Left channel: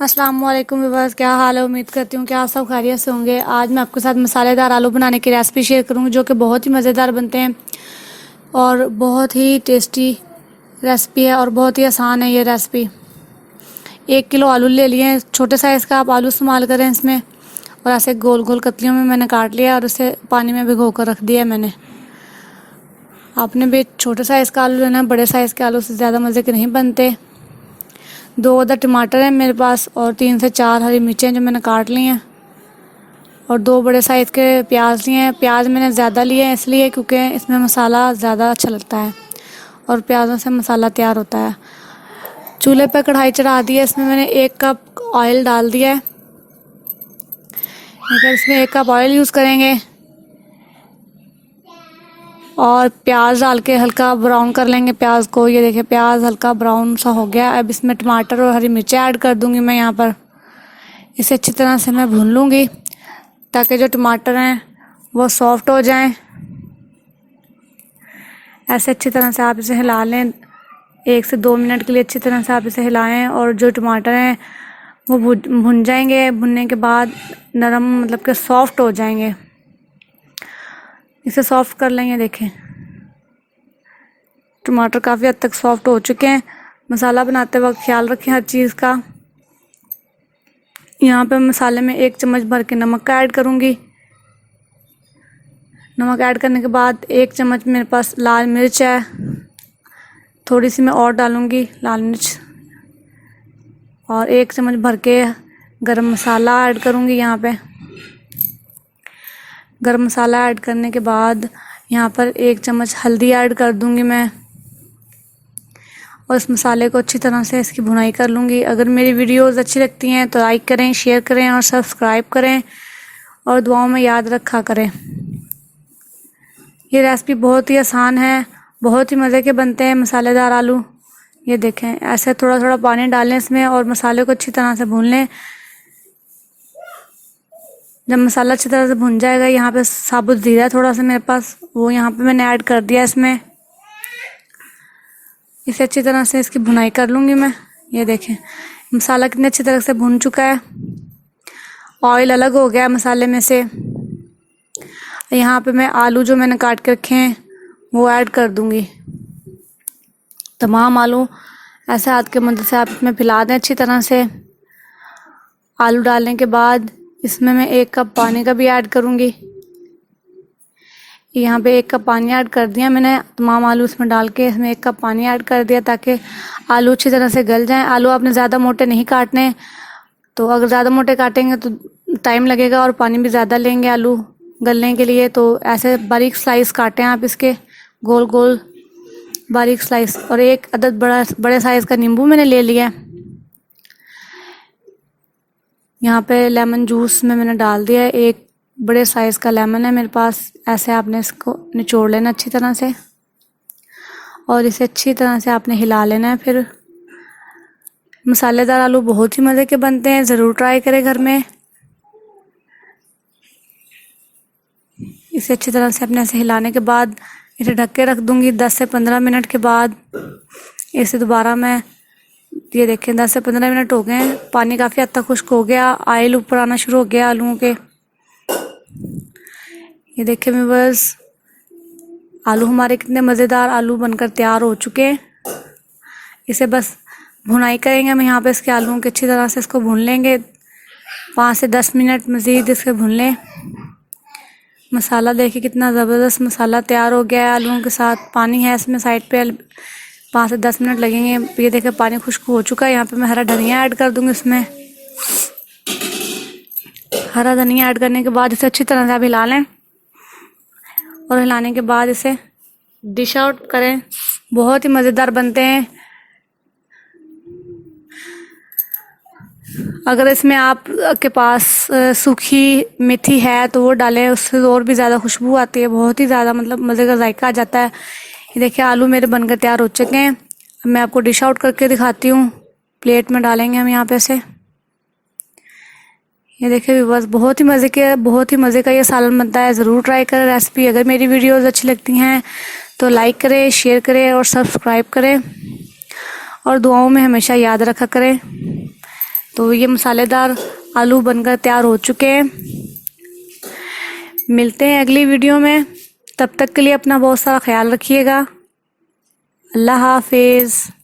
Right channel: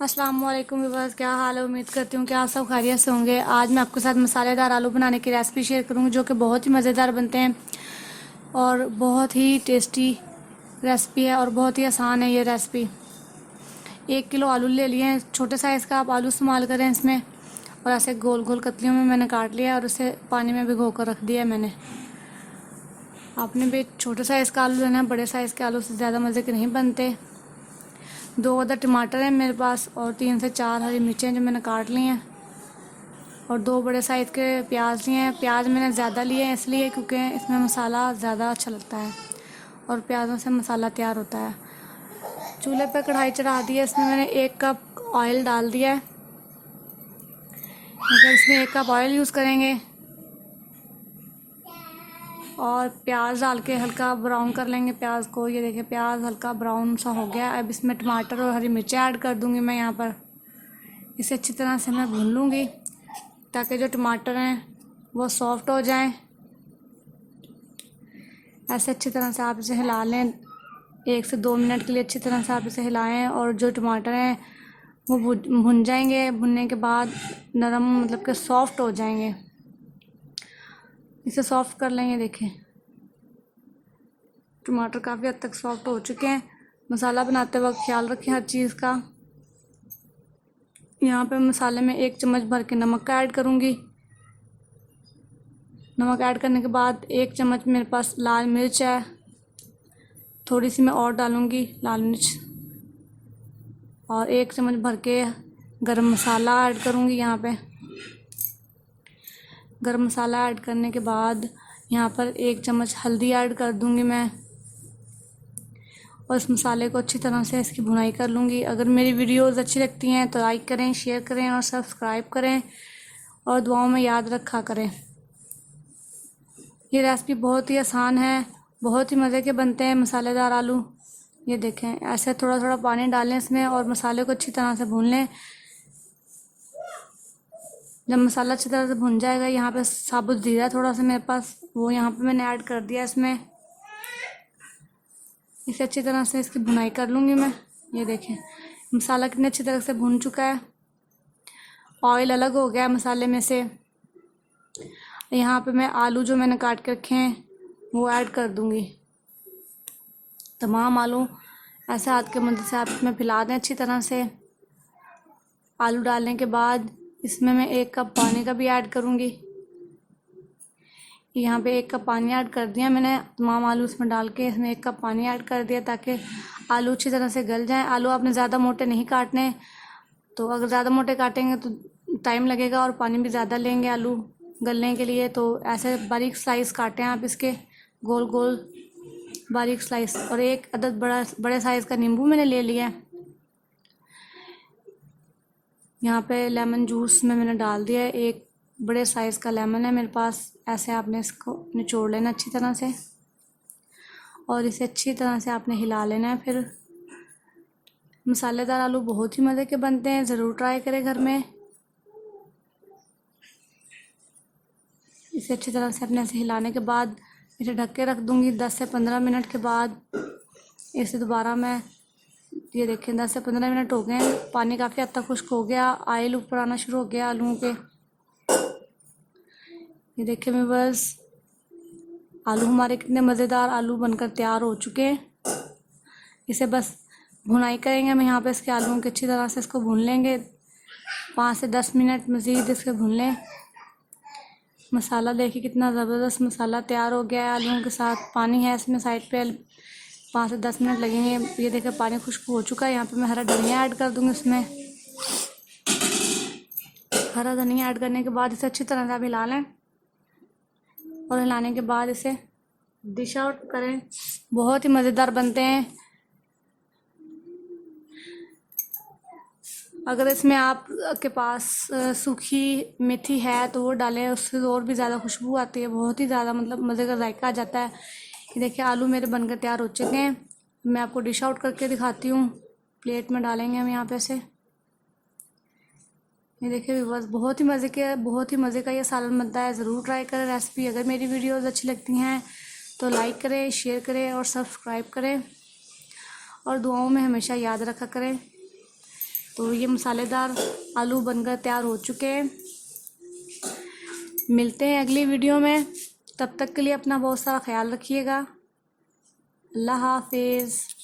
अस्सलाम वालेकुम व्यूअर्स, क्या हाल है। उम्मीद करती हूँ कि आप सब खैरियत से होंगे। आज मैं आपके साथ मसालेदार आलू बनाने की रेसिपी शेयर करूँगी जो कि बहुत ही मज़ेदार बनते हैं और बहुत ही टेस्टी रेसिपी है और बहुत ही आसान है ये रेसिपी। 1 किलो आलू ले लिए हैं, छोटे साइज़ का आप आलू इस्तेमाल करें इसमें। और ऐसे गोल गोल कतलियों में मैंने काट लिया और उसे पानी में भिगो कर रख दिया है मैंने। आपने भी छोटे साइज़ का आलू लेना है, बड़े साइज़ के आलू से ज़्यादा मज़े के नहीं बनते। 2 अदर टमाटर हैं मेरे पास और 3 से 4 हरी मिर्चें जो मैंने काट ली हैं और 2 बड़े साइज़ के प्याज लिए हैं। प्याज मैंने ज़्यादा लिए हैं इसलिए क्योंकि इसमें मसाला ज़्यादा अच्छा लगता है और प्याज़ों से मसाला तैयार होता है। चूल्हे पर कढ़ाई चढ़ा दी है, इसमें मैंने 1 कप ऑयल डाल दिया है। इसमें 1 कप ऑयल यूज़ करेंगे और प्याज डाल के हल्का ब्राउन कर लेंगे प्याज को। ये देखिए प्याज हल्का ब्राउन सा हो गया। अब इसमें टमाटर और हरी मिर्चें ऐड कर दूंगी मैं यहाँ पर। इसे अच्छी तरह से मैं भून लूँगी ताकि जो टमाटर हैं वो सॉफ्ट हो जाएं। ऐसे अच्छी तरह से आप इसे हिला लें। 1 से 2 मिनट के लिए अच्छी तरह से आप इसे हिलाएं और जो टमाटर हैं वो भुन जाएंगे। भुनने के बाद नरम मतलब कि सॉफ्ट हो जाएंगे। इसे सॉफ्ट कर लेंगे। देखें टमाटर काफ़ी हद तक सॉफ्ट हो चुके हैं। मसाला बनाते वक्त ख्याल रखें हर चीज़ का। यहाँ पे मसाले में 1 चम्मच भर के नमक का ऐड करूँगी। नमक ऐड करने के बाद 1 चम्मच मेरे पास लाल मिर्च है, थोड़ी सी मैं और डालूँगी लाल मिर्च। और 1 चम्मच भर के गरम मसाला ऐड करूँगी यहाँ पे। गरम मसाला ऐड करने के बाद यहाँ पर 1 चम्मच हल्दी ऐड कर दूँगी मैं और इस मसाले को अच्छी तरह से इसकी भुनाई कर लूँगी। अगर मेरी वीडियोज़ अच्छी लगती हैं तो लाइक करें, शेयर करें और सब्सक्राइब करें और दुआओं में याद रखा करें। ये रेसिपी बहुत ही आसान है, बहुत ही मज़े के बनते हैं मसालेदार आलू। ये देखें ऐसे थोड़ा थोड़ा पानी डालें इसमें और मसाले को अच्छी तरह से भून लें। जब मसाला अच्छी तरह से भुन जाएगा, यहाँ पे साबुत ज़ीरा थोड़ा सा मेरे पास, वो यहाँ पे मैंने ऐड कर दिया इसमें। इसे अच्छी तरह से इसकी भुनाई कर लूँगी मैं। ये देखें मसाला कितनी अच्छी तरह से भुन चुका है, ऑयल अलग हो गया मसाले में से। यहाँ पे मैं आलू जो मैंने काट के रखे हैं वो ऐड कर दूँगी। तमाम आलू ऐसे हाथ के मदद से आप इसमें फैला दें अच्छी तरह से। आलू डालने के बाद इसमें मैं 1 कप पानी का भी ऐड करूँगी। यहाँ पे 1 कप पानी ऐड कर दिया मैंने। तमाम आलू इसमें डाल के इसमें 1 कप पानी ऐड कर दिया ताकि आलू अच्छी तरह से गल जाएं। आलू आपने ज़्यादा मोटे नहीं काटने, तो अगर ज़्यादा मोटे काटेंगे तो टाइम लगेगा और पानी भी ज़्यादा लेंगे आलू गलने के लिए। तो ऐसे बारीक स्लाइस काटें आप इसके, गोल गोल बारीक स्लाइस। और 1 अदद बड़े साइज़ का नींबू मैंने ले लिया। यहाँ पे लेमन जूस में मैंने डाल दिया है। 1 बड़े साइज़ का लेमन है मेरे पास। ऐसे आपने इसको निचोड़ लेना अच्छी तरह से और इसे अच्छी तरह से आपने हिला लेना है। फिर मसालेदार आलू बहुत ही मज़े के बनते हैं, ज़रूर ट्राई करें घर में। इसे अच्छी तरह से अपने ऐसे हिलाने के बाद इसे ढक के रख दूँगी। 10 से 15 मिनट के बाद इसे दोबारा मैं, ये देखें 10 से 15 मिनट हो गए हैं। पानी काफ़ी हद तक खुश्क हो गया, ऑयल ऊपर आना शुरू हो गया आलूओं के। ये देखें मैं बस आलू हमारे कितने मज़ेदार आलू बनकर तैयार हो चुके हैं। इसे बस भुनाई करेंगे हम यहाँ पे इसके आलूओं की, अच्छी तरह से इसको भून लेंगे। 5 से 10 मिनट मज़ीद इसे भून लें। मसाला देखिए कितना ज़बरदस्त मसाला तैयार हो गया है आलूओं के साथ। पानी है इसमें साइड पे, 5 से 10 मिनट लगेंगे। ये देखिए पानी खुश्क हो चुका है। यहाँ पे मैं हरा धनिया ऐड कर दूँगी इसमें। हरा धनिया ऐड करने के बाद इसे अच्छी तरह से आप हिला लें और हिलाने के बाद इसे डिश आउट करें। बहुत ही मज़ेदार बनते हैं। अगर इसमें आप के पास सूखी मेथी है तो वो डालें, उससे और भी ज़्यादा खुशबू आती है, बहुत ही ज़्यादा मतलब मज़े का जायका आ जाता है। ये देखिए आलू मेरे बनकर तैयार हो चुके हैं। अब मैं आपको डिश आउट करके दिखाती हूँ। प्लेट में डालेंगे हम यहाँ पे से। ये देखिए बस बहुत ही मज़े का ये सालन बनता है। ज़रूर ट्राई करें रेसिपी। अगर मेरी वीडियोज़ अच्छी लगती हैं तो लाइक करें, शेयर करें और सब्सक्राइब करें और दुआओं में हमेशा याद रखा करें। तो ये मसालेदार आलू बनकर तैयार हो चुके हैं। मिलते हैं अगली वीडियो में, तब तक के लिए अपना बहुत सारा ख्याल रखिएगा। अल्लाह हाफिज़।